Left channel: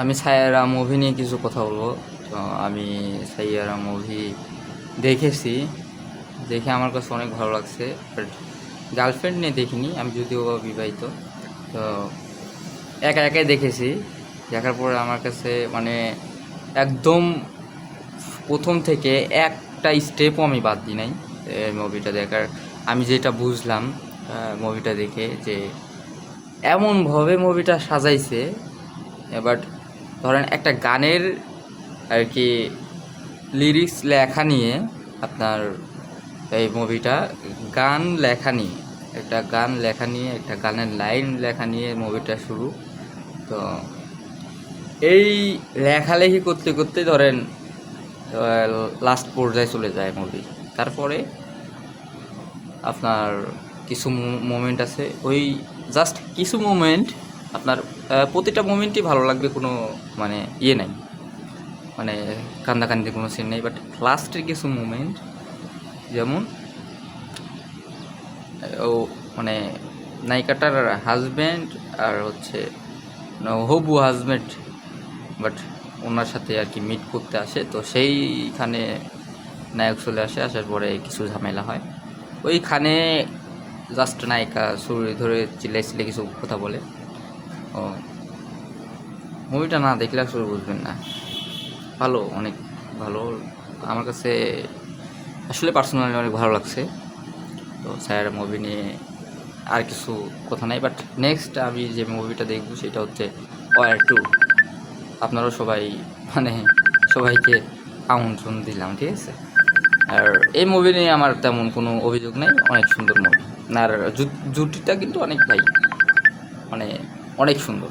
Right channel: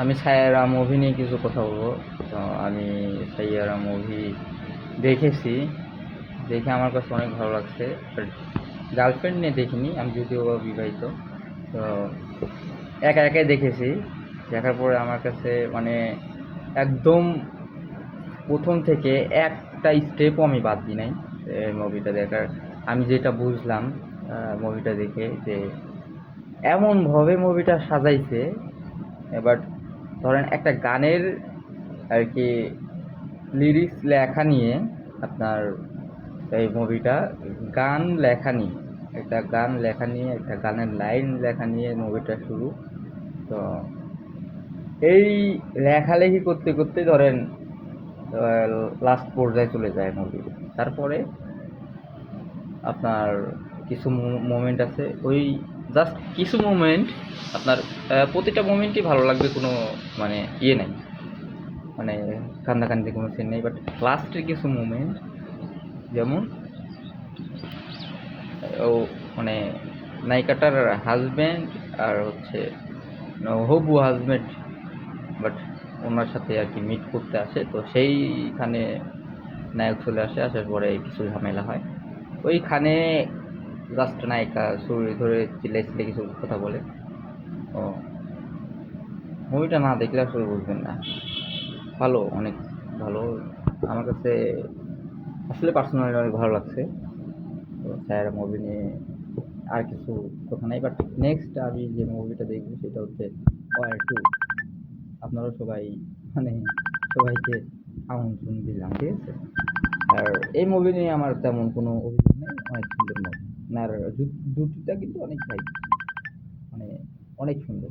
আমি সাইয়ারা মুভি নিয়ে কিছু কথা বলবো। তো আমি সাইয়ারা মুভি দেখেছি, দেখে আমার কাছে অনেক ভালো লাগছে। বাট গার্লফ্রেন্ড নিয়ে দেখিনি, আমি যদিও বা বিবাহিত। তো একা একাই দেখেছি। দেখার পরে আমার কাছে মানে একদম প্রথম থেকে একটা স্টেপও আমি বাদ দিই নাই এই মুভিটা দেখার। আমি যেটা বুঝলাম মুভিটা দেখে, যে এমনভাবে মুভিটা সাজাইছে। এবার ধরেন একটা গানের আর কি লিরিক্স লেখা নিয়ে আপনার এই মুভিটা, গান লেখা নিয়ে একটা গান লেখা নিয়ে একটা গানের লাইন লেখা নিয়ে মুভিটা শুরু। তো এই লেখালেখি করতে করতে ধরেন লাস্ট পর্যায়ে চলে যায় মুভি। তারপরে আপনার কিছু মোমেন্ট আছে, ওই জাস্ট কিছু মোমেন্ট আপনার প্রতিটা মোমেন্টই ভালো লাগবে, কোনো মানে ইয়ে নাই, মানে কান্দাকান্দির কোনো সিন নেই। বাট লাস্টের কিছু মোমেন্ট, যেমন ও মানে নায়িকাটার হাজব্যান্ড আর হচ্ছে হবু হাজব্যান্ড, বাট ওনার সাথে আর কি মিট করতে আসে। তো সেইখানে নায়ক চলে আসে, আসার পরে কিছু ঝামেলা হয় ওইখানে। জাস্ট নায়িকা ছুরি ধরে চিল্লাই কিছু কথা বলে। ও মুভিটা না দেখলে আসলে বুঝবেন না। ভালো, অনেক ভালো। আমার কাছে আসলে পার্সোনালি অনেক ভালো লাগছে। তো স্যার মুভি নিয়ে আর কিছু কথা নাই। বাট নেক্সট আমি যে মুভিটা দেখবো সেটা হচ্ছে ওয়ার 2। আপনারাও সবাই মানে সবাইকে আমন্ত্রণ দিলাম, ঠিক আছে। আর এই মুভি নিয়ে আমার তেমন কোনো অভিযোগ নাই, অনেক সুন্দর মুভি। আর জুটিটা কিন্তু অনেক ভাই, মানে অনেক সুন্দর।